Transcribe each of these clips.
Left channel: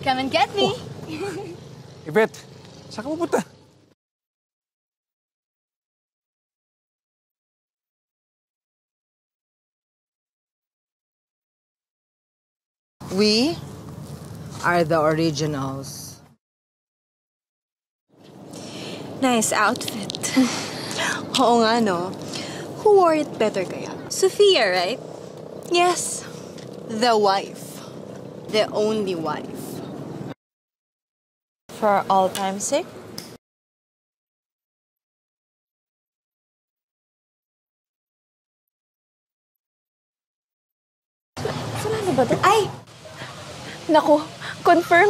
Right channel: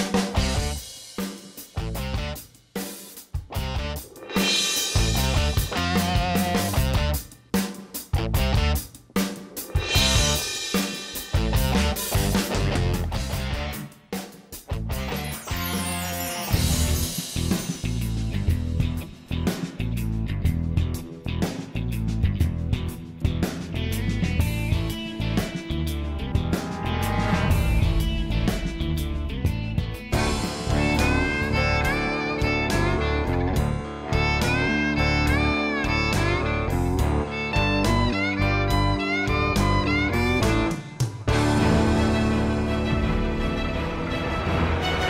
Come and get me! Ipet, saan ka pupunta? We are the originals. Nice outfit. Oo nga, no? Who wore it better kaya? Sophia, right? Yes. The one. The only one. For all time's sake? Ay! Naku, confirm.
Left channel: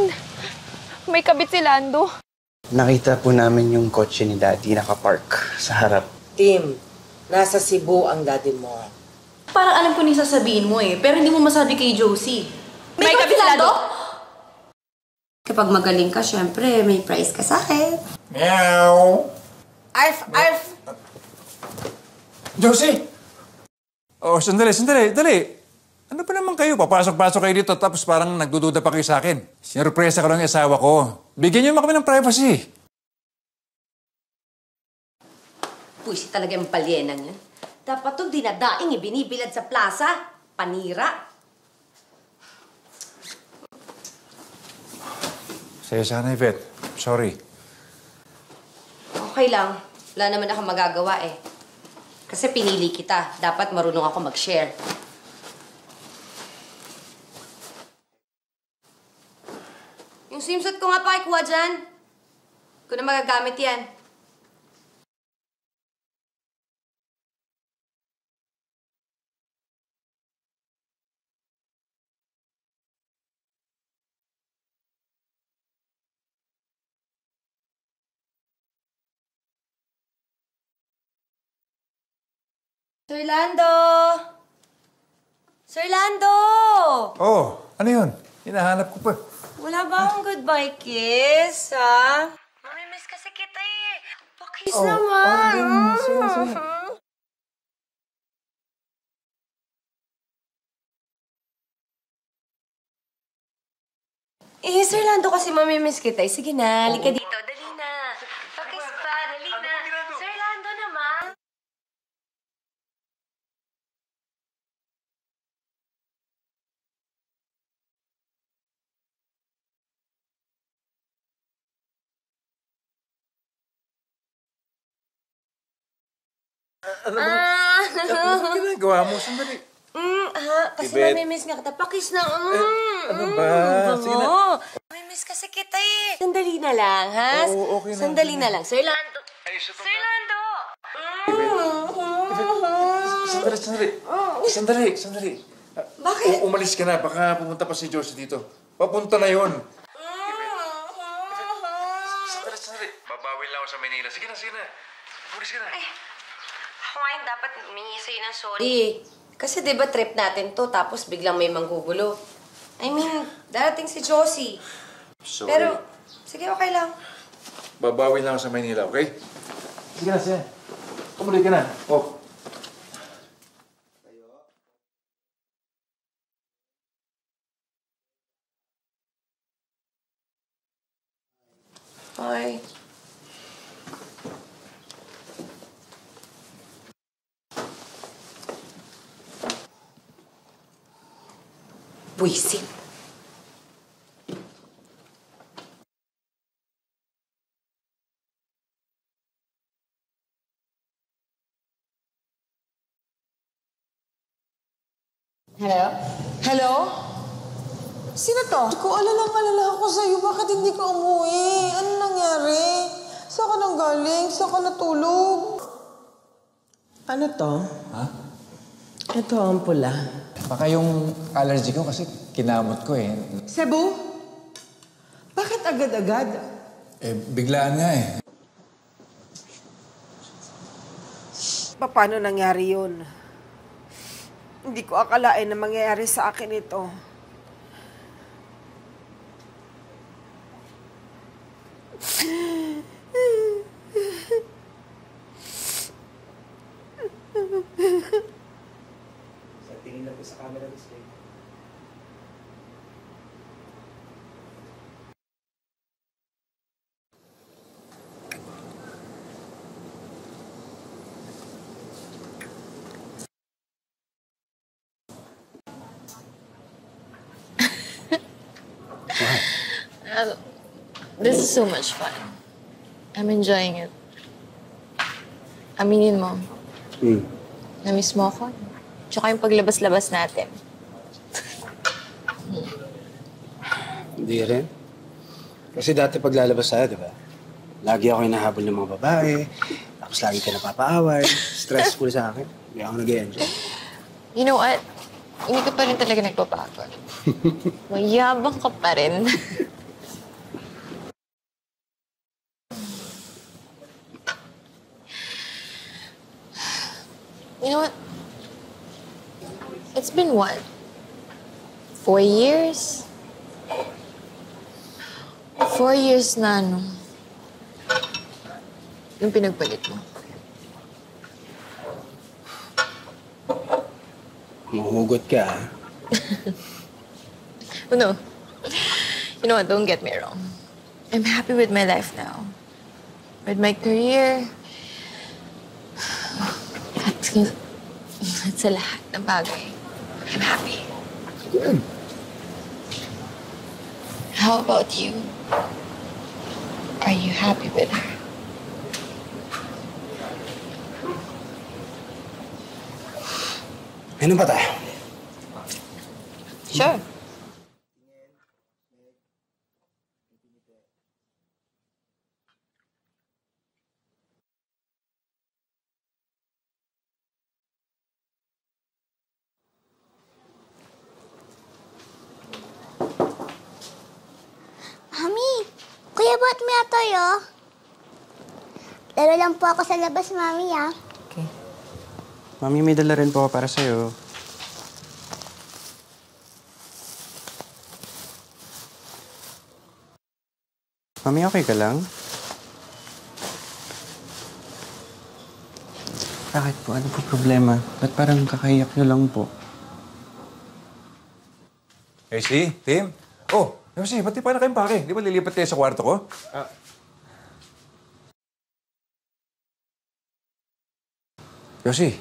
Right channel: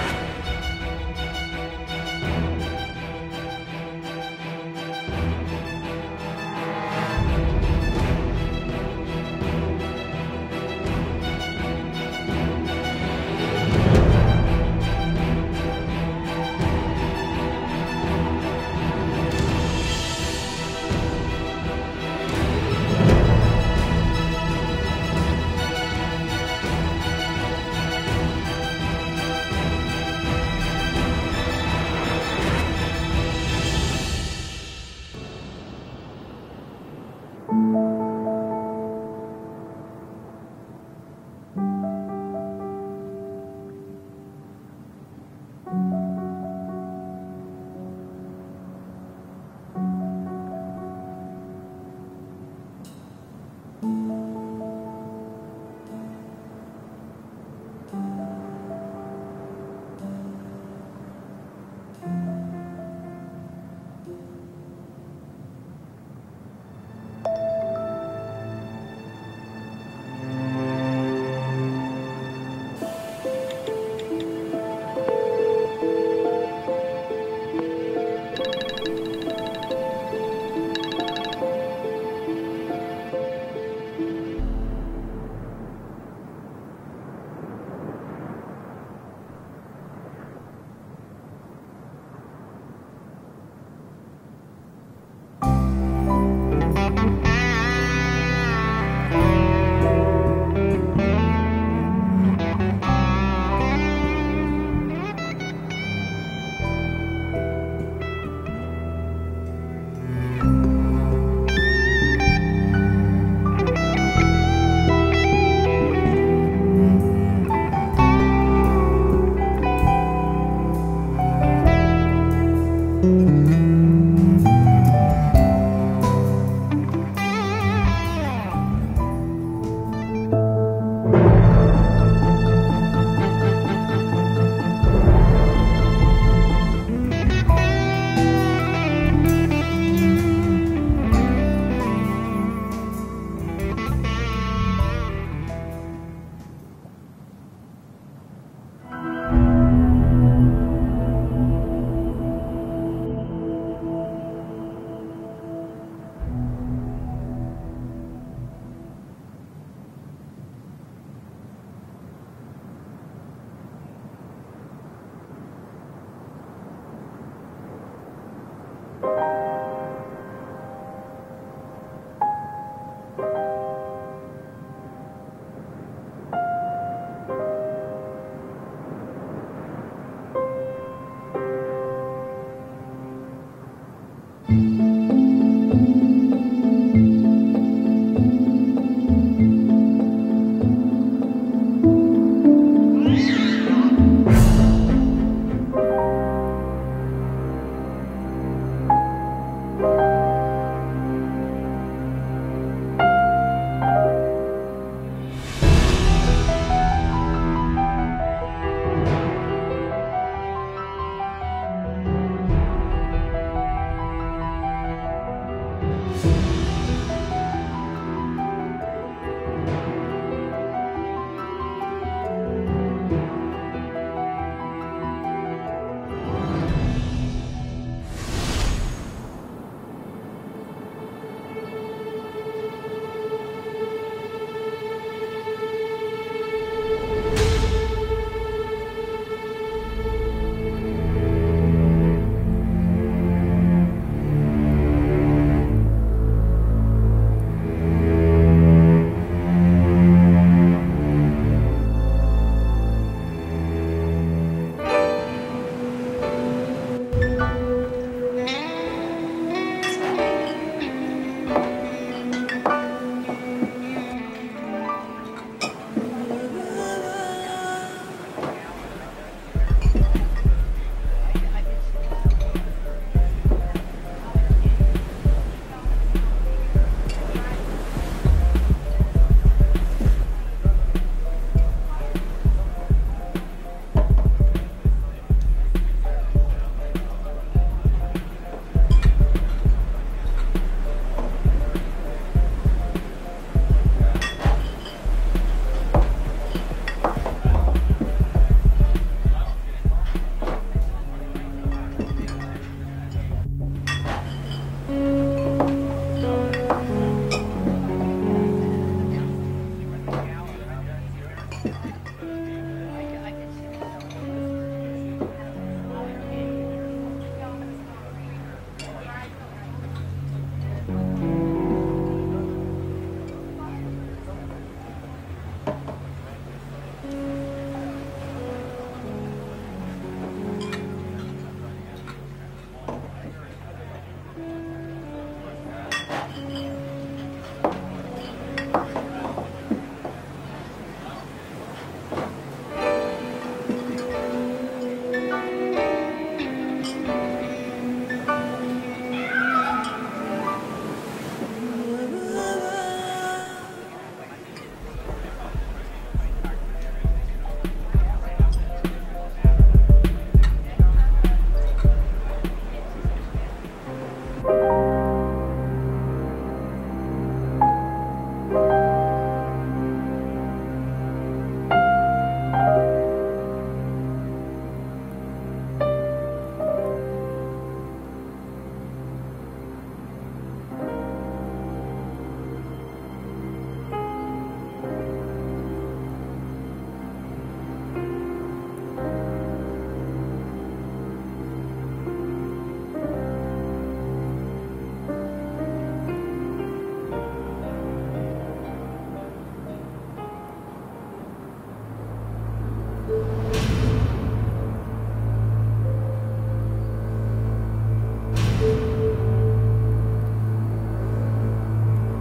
May kabit si Lando. Nakita po namin yung kotse ni Daddy nakapark sa harap. Tim, nasa Cebu ang daddy mo. Parang alam ko na yung sasabihin mo eh, pero hindi mo masabi kay Josie. May kabit si Lando? Kapag magaling ka, syempre, may prize ka sa akin. Meow! Arf! Josie! Oh, sandali, dali. Ano ba naman kayo? Papasok-pasok kayo dito tapos parang nagdududa pa kayo sa akin. Sinurpresa ko lang yung asawa ko. Bigyan niyo kami ng privacy. Puisi talaga yung palyena niya. Dapat to dinadaing ibinibilad sa plaza. Panira. Sa'yo sana, Yvette. Sorry. Okay lang. Wala naman ako magagawa eh. Kasi pinili kita. Dapat marunong ako mag-share. Yung swimsuit ko nga pakikuha dyan. Kung na magagamit yan. Sir Lando! Sir Lando! Oh, ano yun? Hinahanap ko pa. Wala ba akong goodbye kiss, ha? Mamimiss kasi kita eh. Pakis naman. Eh, Sir Lando kasi mamimiss kita eh. Sige na, halika dito. Dali na. Pakis pa, dali na. Sir Lando naman. Gawa mo, sandali. Kasi Ibet. mamimiss ka kita. Pakis na. ba? Oo. Mamimiss kasi kita eh. Sandali na lang, ha? Sandali na lang. Sir Lando. Sir Lando. Sandali. Bakit? Umalis ka na. Baka pumunta pa si Josie dito. Papunta na yun. Sandali. Babawi lang ako sa Manila. Sige na. Umalis ka na. Ako ngayon dapat humingi sa'yo ng sorry. Kasi di ba trip natin to, tapos biglang may manggugulo. I mean, darating si Josie. Sorry. Pero, sige, okay lang. Babawi lang ako sa Manila, okay? Sige na. Tumuloy ka na. Oh. Okay. Buisit. Hello? Sino to? Kung ano nang alala ko sa'yo, bakit hindi ka umuwi? Ano nangyari? Saan ka nang galing? Saan ka natulog? Ano to? Ito ang pula. Baka yung allergy ko kasi kinamot ko eh. Cebu? Bakit agad-agad? Biglaan nga eh. Paano nangyari yun? Hindi ko akalain na mangyayari sa akin ito. This is so much fun. I'm enjoying it. Aminin mo, namiss mo ako. Tsaka yung paglabas-labas natin. Hindi rin. Kasi dati paglalabas tayo, di ba? Lagi ako hinahabol ng mga babae. Tapos lagi ka napapaaway. Stressful sa akin. Kaya ako nag-enjoy. You know what? Hindi ka pa rin talaga nagbabago. Mayabang ka pa rin. You know what? It's been what? 4 years? 4 years na, no? Yung pinagpalit mo. Mahugot ka, ha? Oh, no. You know what? Don't get me wrong. I'm happy with my life now. With my career. At sa lahat ng bagay. I'm happy. Good. How about you? Are you happy with her? Ano ba tayo? Sure. Mami, Kuya Bot, may atoyo. Dalo lang po ako sa labas, Mami, ah. Mami, may dala rin po ako para sa'yo. Mami, okay ka lang? Bakit po? Ano po problema? Ba't parang kakaiyak niyo lang po? Casey, Tim? Oh, Josie, ba't di pa na kayong pake? Di ba lilipat kayo sa kwarto ko? Josie.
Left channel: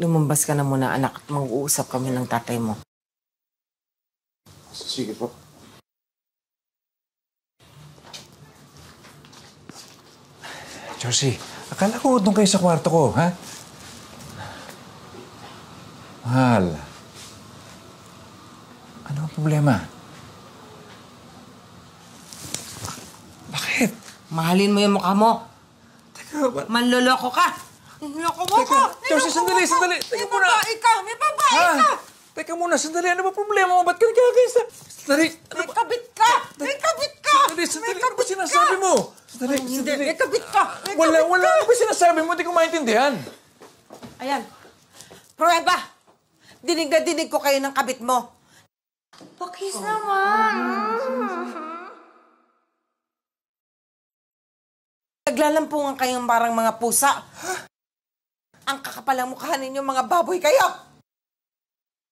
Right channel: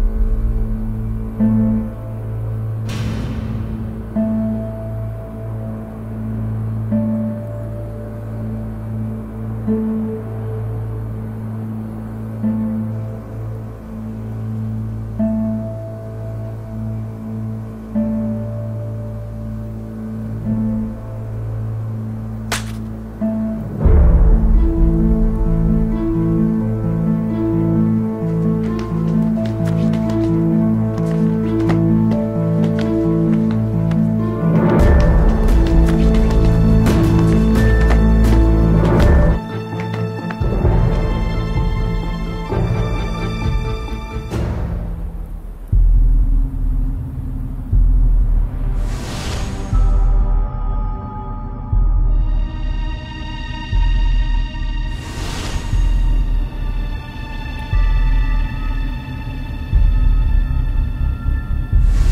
Lumabas ka na muna, anak, at mag-uusap kami ng tatay mo. Sige po. Josie, akala ko doon kayo sa kwarto ko, ha? Mahal. Ano ang problema? Bakit? Mahalin mo yung mukha mo. Teka, ba't? Manloloko ka. Niloko mo ko. Josie, sandali, sandali. Teka muna. Ikaw, may babae ka. Teka muna, sandali. Ano ba problema mo? Ba't ka nagkakaisa? Sandali. May kapit ka. May kapit ka. Sandali, sandali. Ano ba sinasabi mo? Sandali, Hindi, sandali. may kapit ka. Wala ano ba sinasabi mo? Hindi ko maintindihan. Ayan. Prueba. Dinig na dinig ko kayo ng kapit mo. Please naman. Naglalampungan kayong parang mga pusa. Ang kakapal ang mukha ninyo, mga baboy kayo.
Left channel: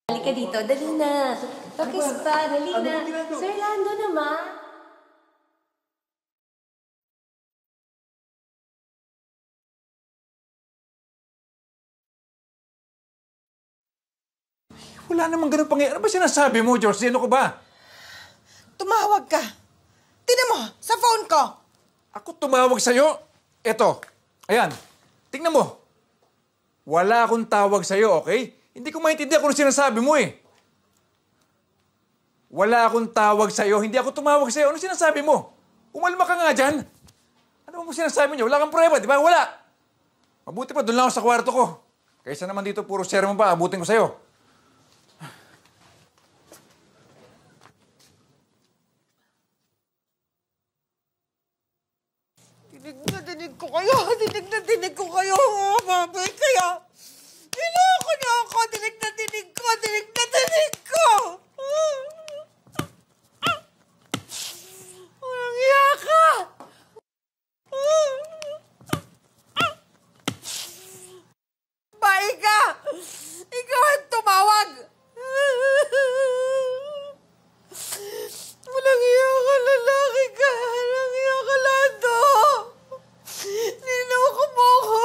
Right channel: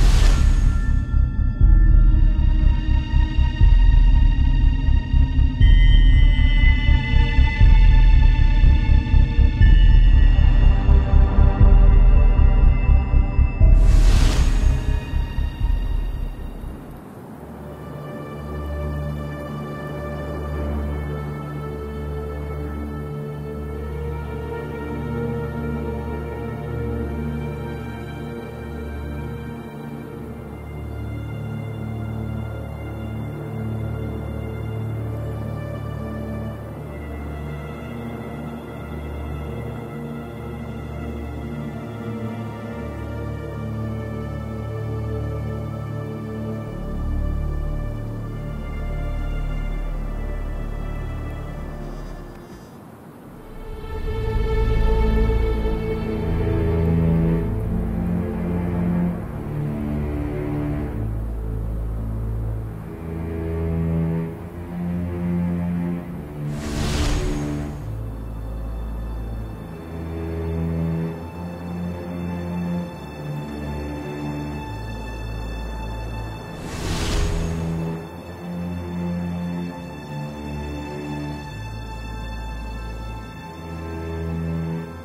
Halika dito, dali na. Pakis pa, dali na. Sir Lando naman. Wala namang ganun pangyayari. Ano ba sinasabi mo, George? Ano ko ba? Tumawag ka. Tingnan mo, sa phone ko. Ako tumawag sa'yo? Eto. Ayan. Tingnan mo. Wala akong tawag sa'yo, okay? Hindi ko maintindihan kung ano sinasabi mo eh. Wala akong tawag sa'yo. Hindi ako tumawag sa'yo. Ano sinasabi mo? Kumalma ka nga dyan. Ano mo sinasabi niyo? Wala kang prueba, di ba? Wala. Mabuti pa, doon lang ako sa kwarto ko. Kaysa naman dito, puro share mo pa. Abutin ko sa'yo. Dinig ko kayo. Dinig na dinig ko kayo. Baboy kayo. Niloko niyo ako. Dinig na dinig ko. Dinig na dinig ko. Walang iya ka. Bahay ka. Ikaw ang tumawag. Walang iya ka, lalaki ka. Walang iya ka, Lando. Niloko mo ako.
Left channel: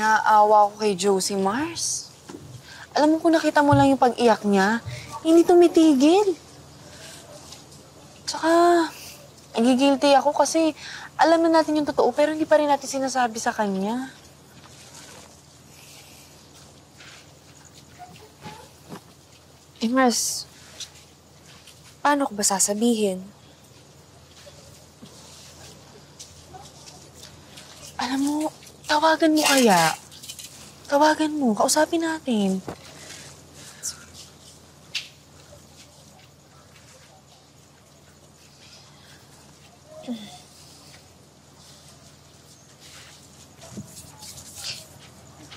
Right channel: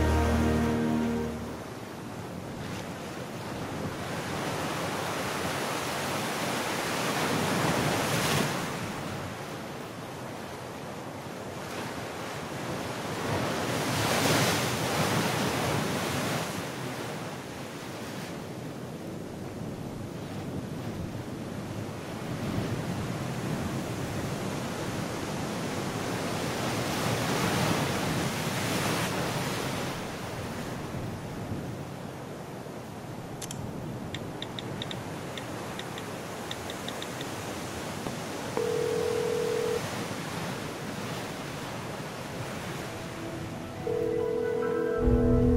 Naawa ko kay Josie, Mars. Alam mo, kung nakita mo lang yung pag-iyak niya, hindi tumitigil. Tsaka, nagigilty ako kasi alam na natin yung totoo pero hindi pa rin natin sinasabi sa kanya. Eh, Mars, paano ko ba sasabihin? Alam mo, tawagan mo kaya. Tawagan mo, kausapin natin.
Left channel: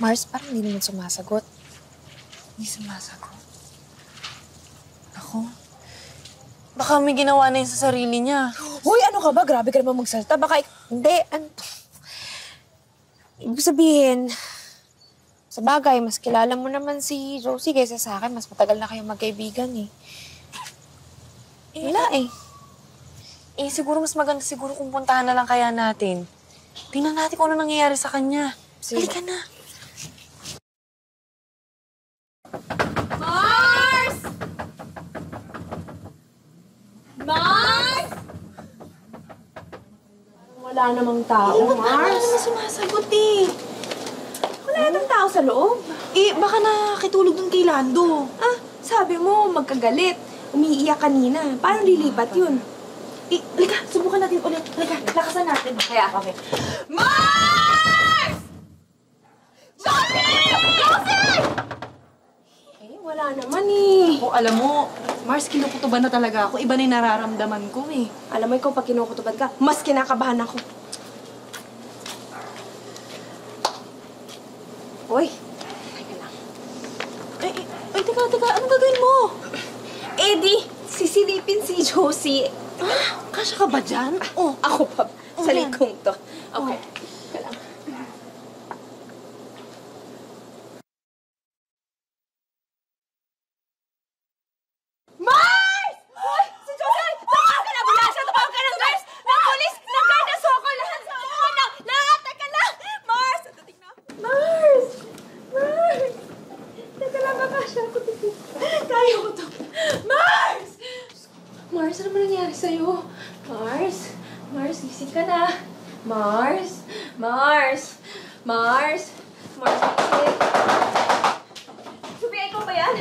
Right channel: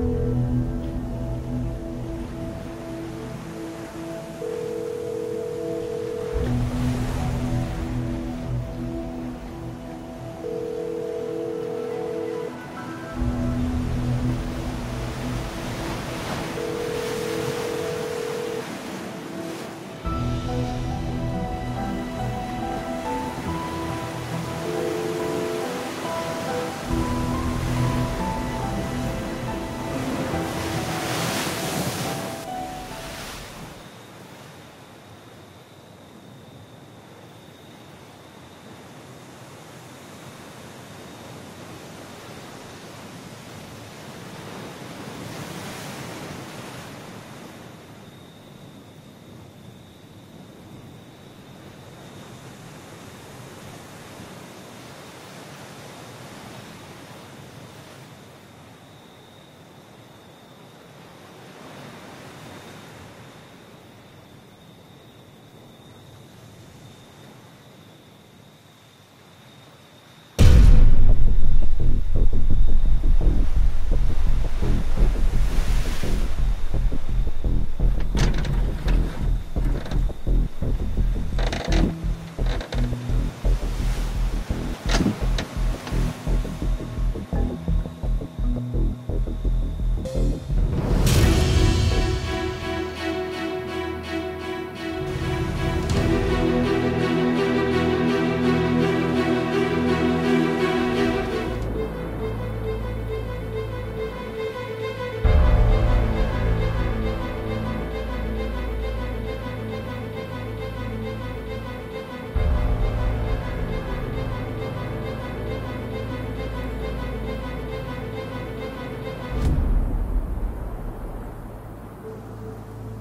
Mars, parang hindi naman sumasagot. Hindi sumasagot. Ako, baka may ginawa na yun sa sarili niya. Hoy, ano ka ba? Grabe ka naman magsalita. Baka, hindi. Ibig sabihin, sa bagay, mas kilala mo naman si Rosie kaysa sa akin. Mas matagal na kayong magkaibigan eh. Hila eh. Eh, siguro mas maganda siguro kung puntahan na lang kaya natin. Tingnan natin kung ano nangyayari sa kanya. Halika na. Mars! Mars! Wala namang tao, Mars. Ano sumasagot eh? Wala nang tao sa loob. Eh, baka nakakitulog dun kay Lando. Ah, sabi mo, magkagalit. Umiiyak kanina. Paano lilipat yun? Eh, halika, subukan natin ulit. Halika, lakasan natin. Kaya kami. Mars! Josie! Josie! Wala naman eh. O, alam mo, Mars, kinukutuban na talaga ako. Iba na yung nararamdaman ko eh. Alam mo, ikaw pag kinukutuban ka, mas kinakabahan ako. Hoy! Ay, teka. Anong gagawin mo? Eddie, sisilipin si Josie. Ah, kasya ka ba dyan? Oh, ako pa. Sa likod to. Okay. Mars, ano ba nangyari sa'yo? Mars? Mars, gising ka na. Mars? Mars? Mars? Mars, gising. Sophia, ikaw ba yan?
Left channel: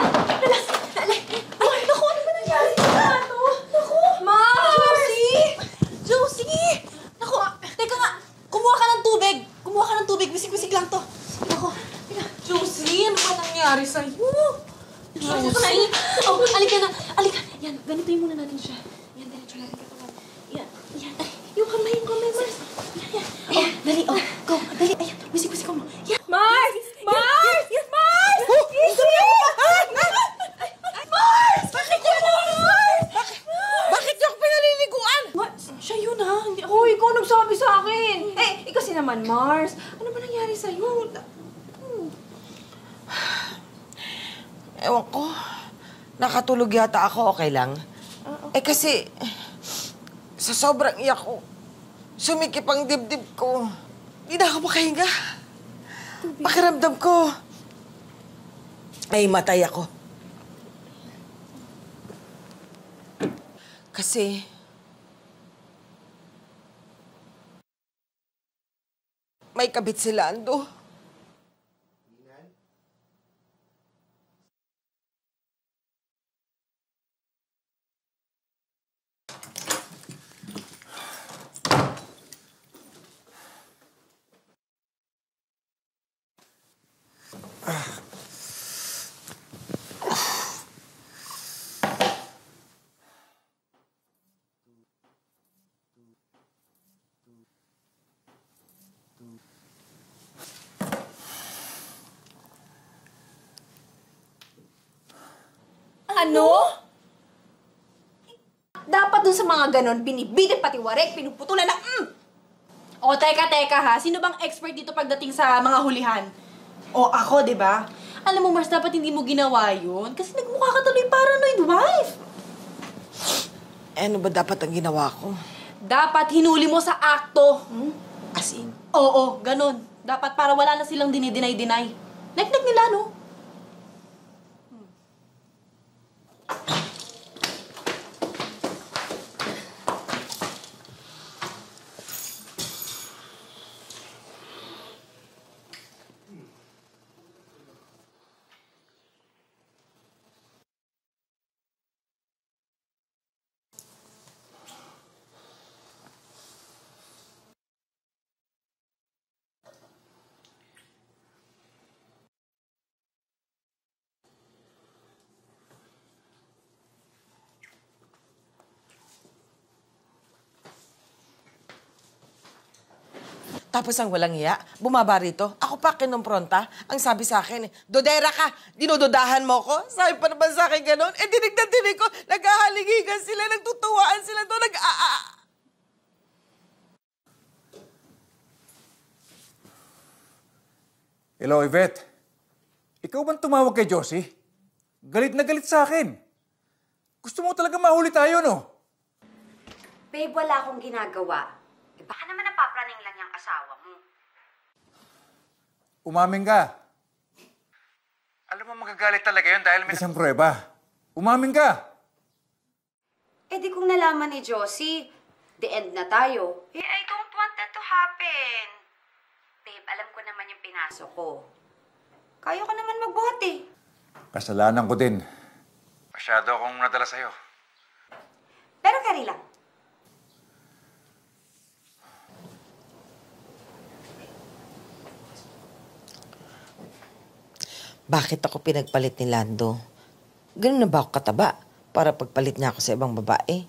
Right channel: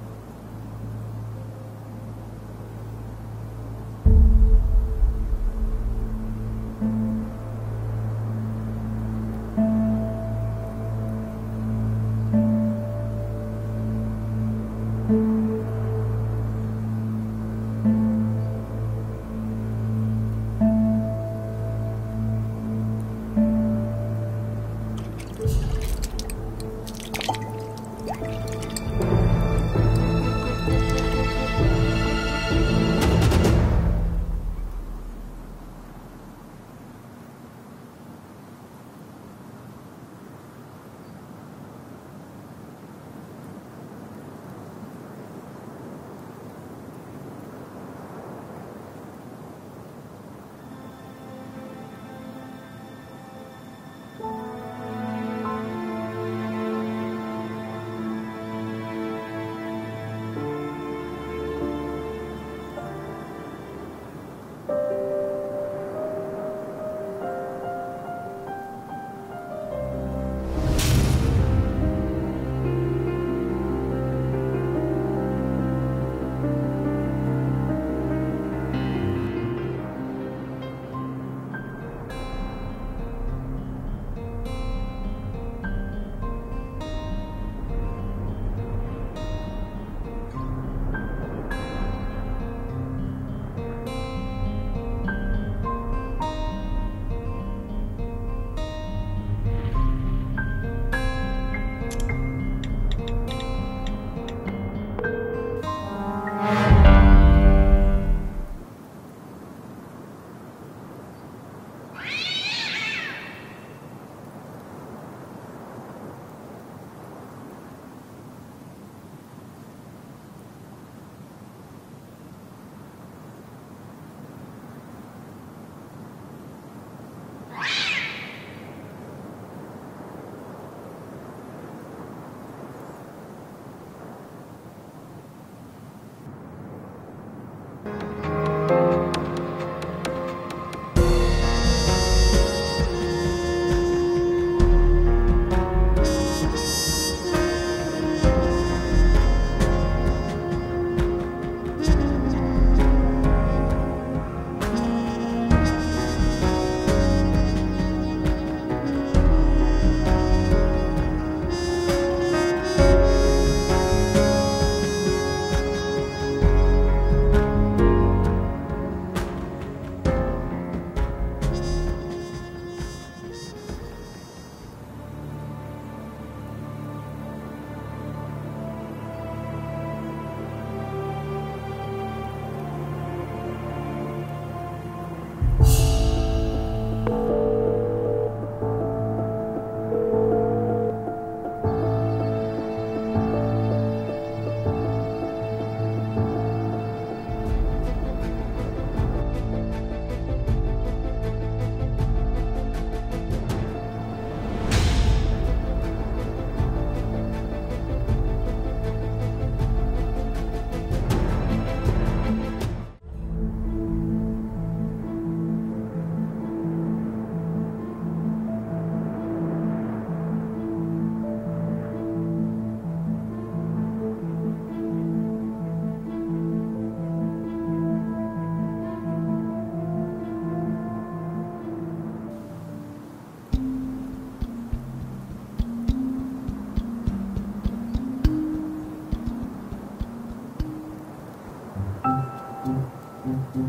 Ay, naku, ano ba nangyari sa ano? Naku! Mars! Josie! Naku, teka nga. Kumuha ka ng tubig. Bisig-bisig lang to. Naku. Josie, ano ba nangyari sa'yo? Josie! Oh, alika na. Alika. Yan, ganitoy muna natin siya. Yan. Yung kamay, Mars. Yan. Oh, dali. Oh, go. Dali. Ayan, bisig-bisig ko. Yan. Mars! Mars! Mars! Gising! Mars! Bakit yan? Mars! Bakit yung pinaliliguan? Siya yun ha. Hindi ako. Hoy, ikaw nagsabi sa akin. Eh, kasi naman, Mars. Ano ba nangyari sa'yo? Ewan ko. Nakatulog yata ako, okay lang? Eh kasi, sa sobrang iyak ko, sumikip ang dibdib ko. Hindi na ako makahinga. Pakiramdam ko, may matay ako. Kasi, may kabit si Lando. Ano? Dapat dun sa mga ganon, binibigit pati warek, pinuputulan ng O, teka ha. Sino bang expert dito pagdating sa mga hulihan? O, ako, di ba? Alam mo, Mars, dapat hindi mo ginawa yun kasi nagmukha ka tuloy paranoid wife. Eh, ano ba dapat ang ginawa ko? Dapat hinuli mo sa akto. As in, Oo, ganun. Dapat para wala na silang dinideny-deny. Nek-nek nila, no? Tapos ang walang iya, bumaba rito. Ako pa kinumpronta. Ang sabi sa akin, Dodera ka, dinududahan mo ko? Sabi pa naman sa akin ganun. Eh, dinig na dinig ko, naghahaligigan sila, nagtutuwaan sila doon, Hello, Yvette. Ikaw ba tumawag kay Josie? Galit na galit sa akin. Gusto mo talaga mahuli tayo, no? Babe, wala akong ginagawa. Baka naman napapraning lang ng kasama ko. Umamin ka. Ano mo magagalit talaga yun dahil may isang prueba? Umamin ka! Eh di kung nalaman ni Josie, the end na tayo. Eh, I don't want that to happen. Babe, alam ko naman yung pinasok ko. Kaya ka naman magbuhat eh. Kasalanan ko din. Masyado akong nadala sa'yo. Pero carry lang. Bakit ako pinagpalit ni Lando? Ganun na ba ako kataba? Para pagpalit niya ako sa ibang babae?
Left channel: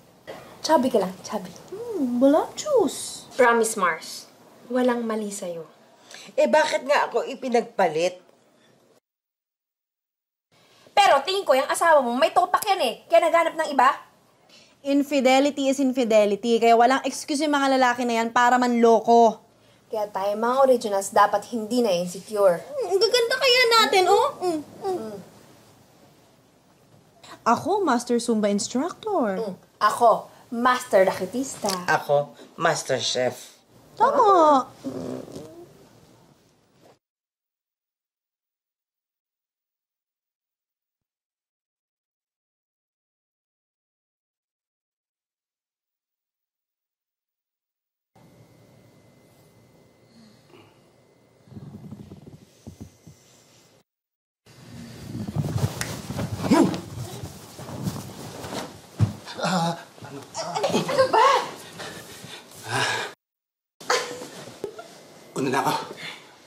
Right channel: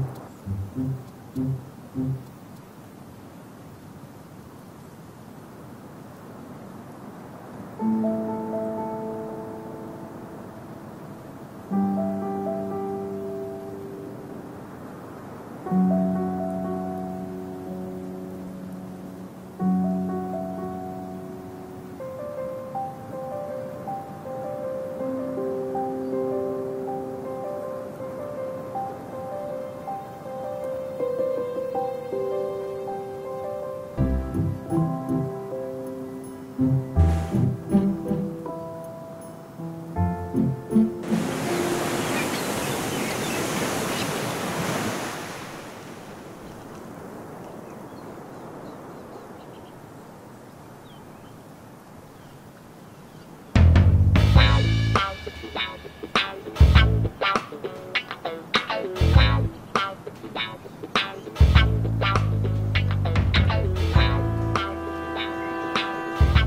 Chubby ka lang, chubby. Voluptuous. Promise, Mars. Walang mali sa'yo. Eh, bakit nga ako ipinagpalit? Pero tingin ko, yung asawa mo, may topak yan eh. Kaya naghanap ng iba. Infidelity is infidelity. Kaya walang excuse yung mga lalaki na yan para manloko. Kaya tayo, mga originals, dapat hindi na insecure. Ang gaganda kaya natin, oh. Ako, Master Zumba Instructor. Ako, master raketista. Ako, Master Chef. Tama.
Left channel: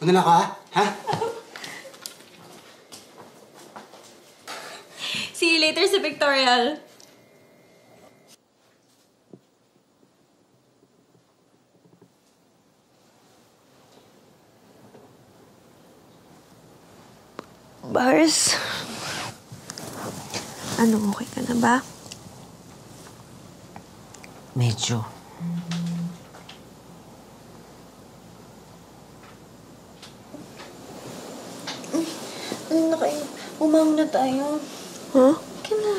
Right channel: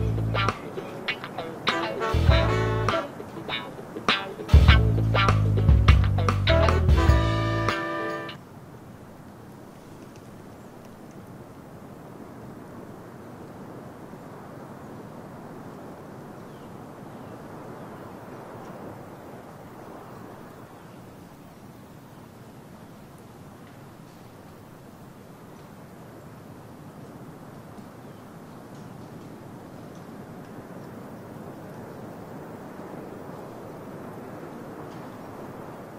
Una na ako, ha? See you later sa Victorial. Bars? Ano, okay ka na ba? Medyo. Umam na tayo. Huh? Kina.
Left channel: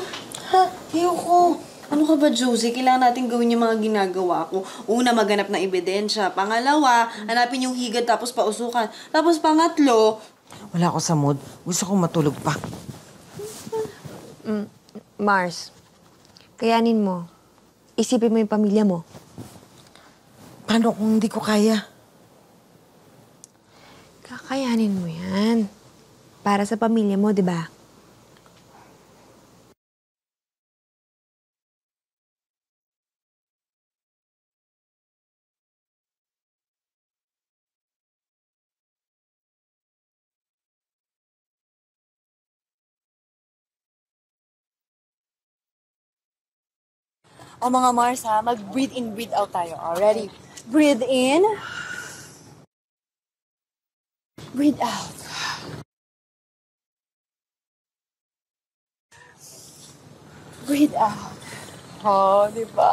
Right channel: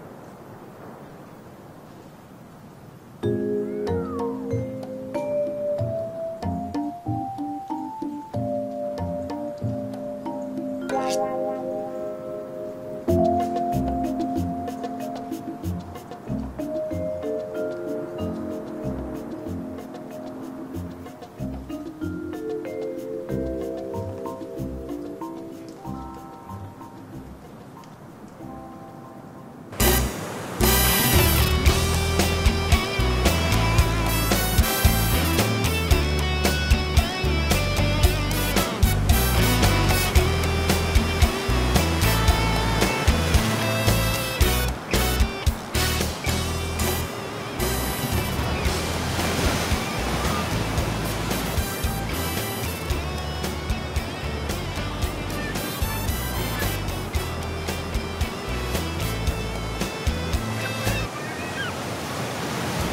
Ha? Ayoko. Ano ka ba, Josie? Kailangan natin gawin yung mga ginagawa ko. Una, maghanap ng ebidensya. Pangalawa, hanapin yung higad tapos pausukan. Tapos pangatlo... Wala ako sa mood. Gusto kong matulog pa. Mars, kayanin mo. Isipin mo yung pamilya mo. Paano kung hindi ko kaya? Kakayanin mo yan. Para sa pamilya mo, di ba? O mga Mars, ha? Mag-breathe in, breathe out tayo. Ready? Breathe in. Breathe out. Breathe out. Oh, diba?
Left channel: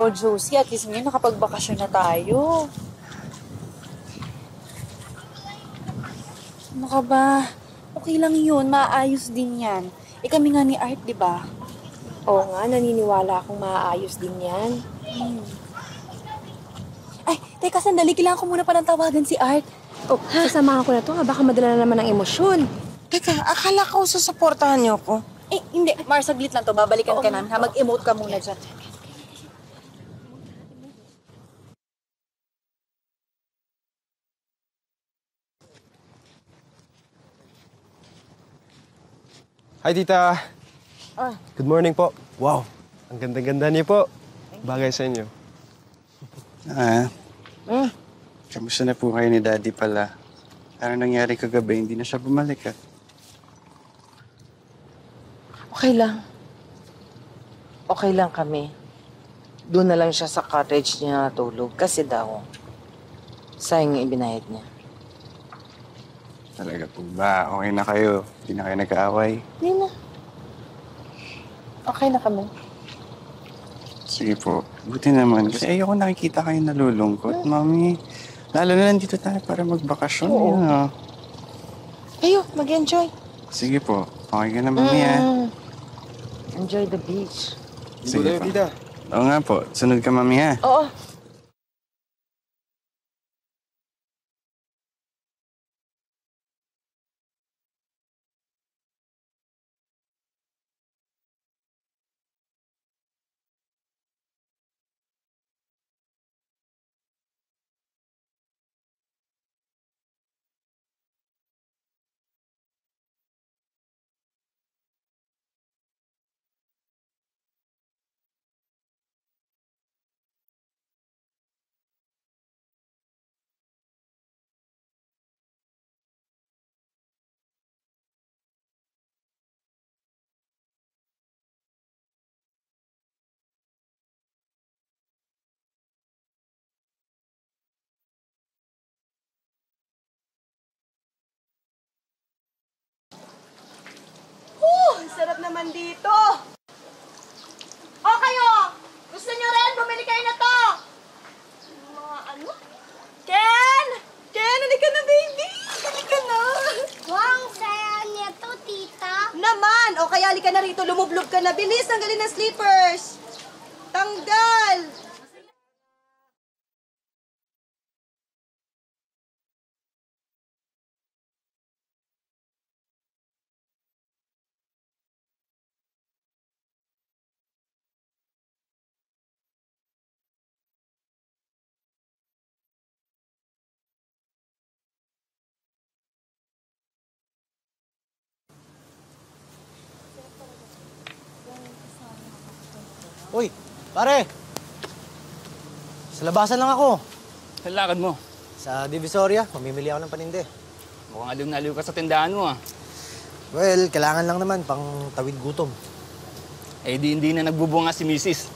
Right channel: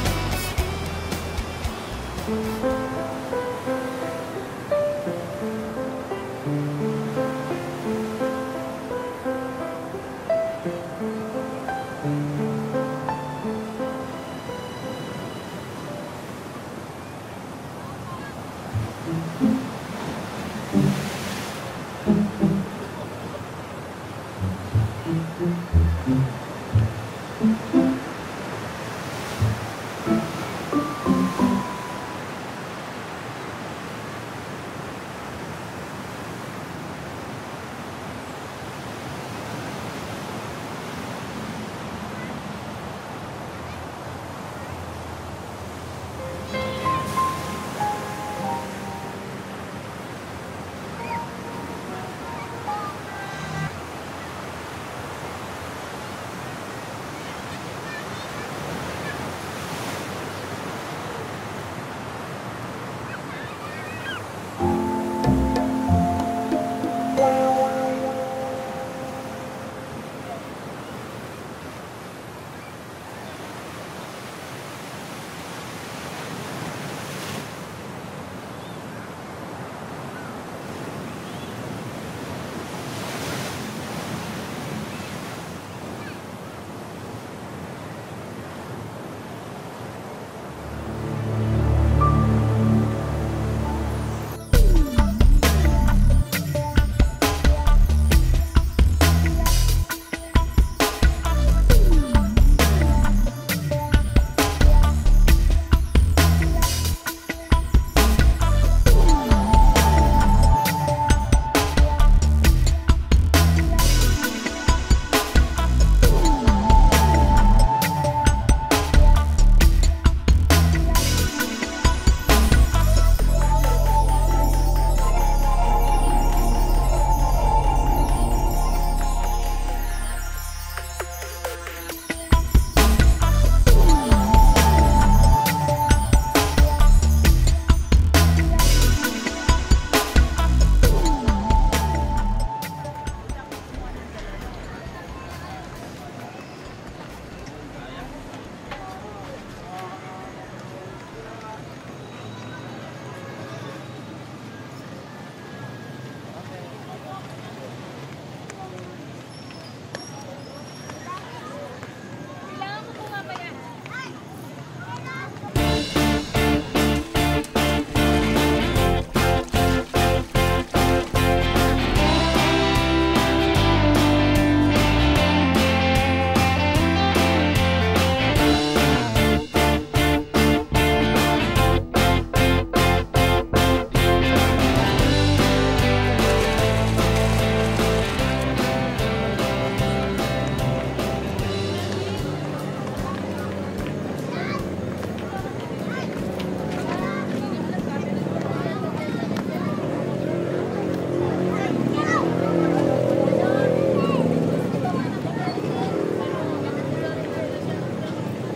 O, Josie, at least ngayon nakapagbakasyon na tayo. Ano ka ba? Okay lang yun, maayos din yan. Eh kami nga ni Art, di ba? Oo nga, naniniwala akong maayos din yan. Ay, teka, sandali. Kailangan ko muna pa ng tawagan si Art. Oh, sasamahan ko na to. Baka madala na naman ng emosyon. Teka, akala ko susuportahan niyo ako. Eh, hindi. Mars, saglit lang to. Babalikan ka na. Ha? Mag-emote ka muna dyan. Ay, tita. Good morning po. Wow, ang ganda-ganda niyo po. Bagay sa inyo. Kamusta na po kayo ni Daddy pala? Ano nangyari kagabi? Hindi na siya bumalik Okay lang. Okay lang kami. Doon na lang siya sa cottage niya natulog kasi daw, sayang yung ibinayad niya. Okay na kayo. Hindi na kayo nag-aaway. Hindi na. Okay na kami. Sige po. Buti naman. Kasi ayoko nakikita kayo nalulungkot, Mami. Lalo na nandito tayo para magbakasyon. Oo. Ano? Ayo, mag-enjoy. Sige po. Okay ka na, Mami, Enjoy the beach. Sige po. Oo nga po. Sunod ka, Mami, ha? Oo. Halika na rito, lumublob ka na. Bilis, tanggalin na slippers. Tanggal! Pare! Sa labasan lang ako. Ang lakad mo? Sa Divisoria. Bibili ako ng panindir. Anong nalim ka sa tindaan mo, Well, kailangan lang naman pang tawid gutom. Eh, hindi na nagbubunga si Mrs.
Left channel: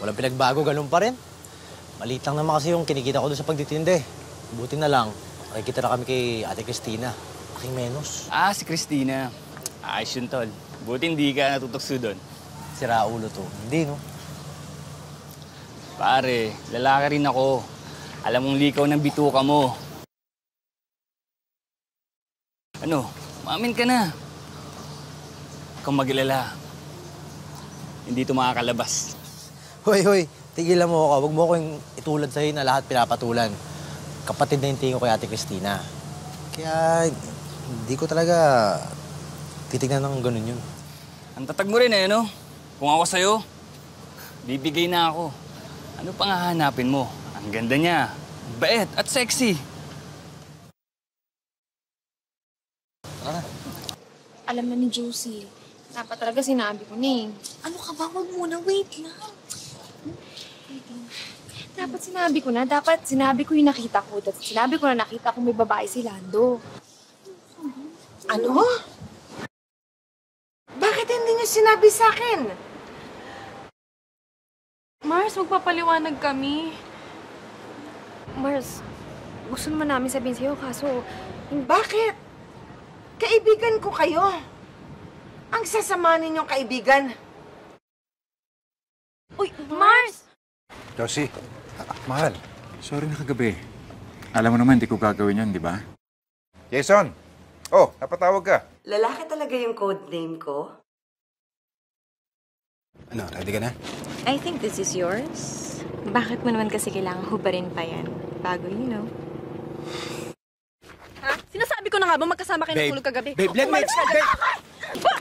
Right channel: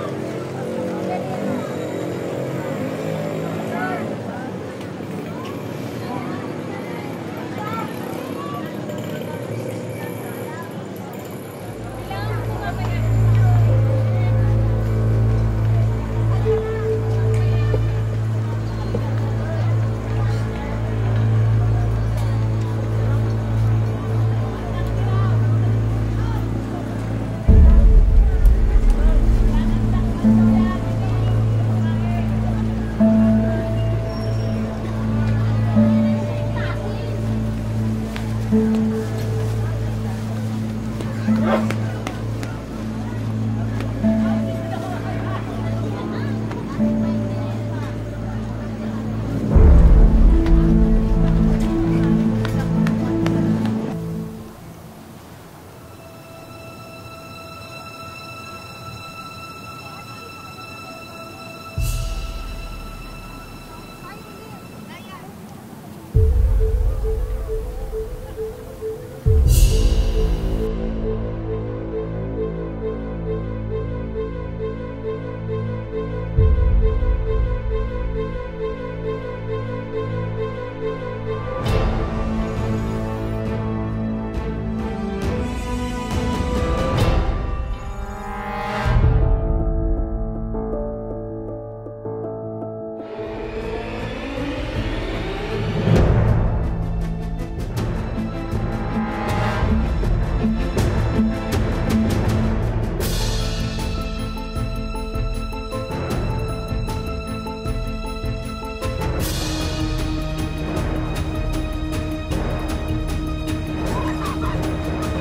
Pero pinagbago, ganun pa rin. Maliit lang naman kasi yung kinikita ko doon sa pagtitindi. Buti na lang, nakikita na kami kay Ate Cristina. Si Cristina. Ayos yun, Tol. Buti hindi ka natutokso doon. Sira ulo to. Hindi, no? Pare, lalaki rin ako. Alam mong likaw ng bituka mo. Ano? Umamin ka na. Huwag kang mag-alala. Hindi ito makakalabas. Hoy, tigilan mo ako. Huwag mo ko itulad sa'yo na lahat pinapatulan. Kapatid na yung tingin ko kay Ate Cristina. Kaya hindi ko talaga titignan ng ganun yun. Patag mo rin no? Kung ako sa'yo, bibigay na ako. Ano pang hahanapin mo? Ang ganda niya, bait at sexy. Alam na ni Josie. Dapat talaga sinabi ko na eh. Ano ka ba? Huwag muna. Wait lang. Dapat sinabi ko na. Dapat sinabi ko yung nakita ko. Dapat sinabi ko na nakita ko may babae si Lando. Ano? Bakit hindi niya sinabi sa akin? Mars, magpapaliwanag kami. Mars, gusto naman namin sabihin sa'yo, kaso... Bakit? Kaibigan ko kayo. Ang sasama ninyong kaibigan. Uy, Mars! Josie, mahal. Sorry na kagabi. Alam mo naman, hindi ko gagawin yun, di ba? Jason! Oh, napatawag ka. Lalaki talaga yung code name ko. Halika na. I think this is yours. Bakit mo naman kasi kailangan ko pa rin pa yan? Tago yun. Nasabi ko na nga ba magkasama kayo Babe, tulog kagabi? babe, let me explain. Halika, halika.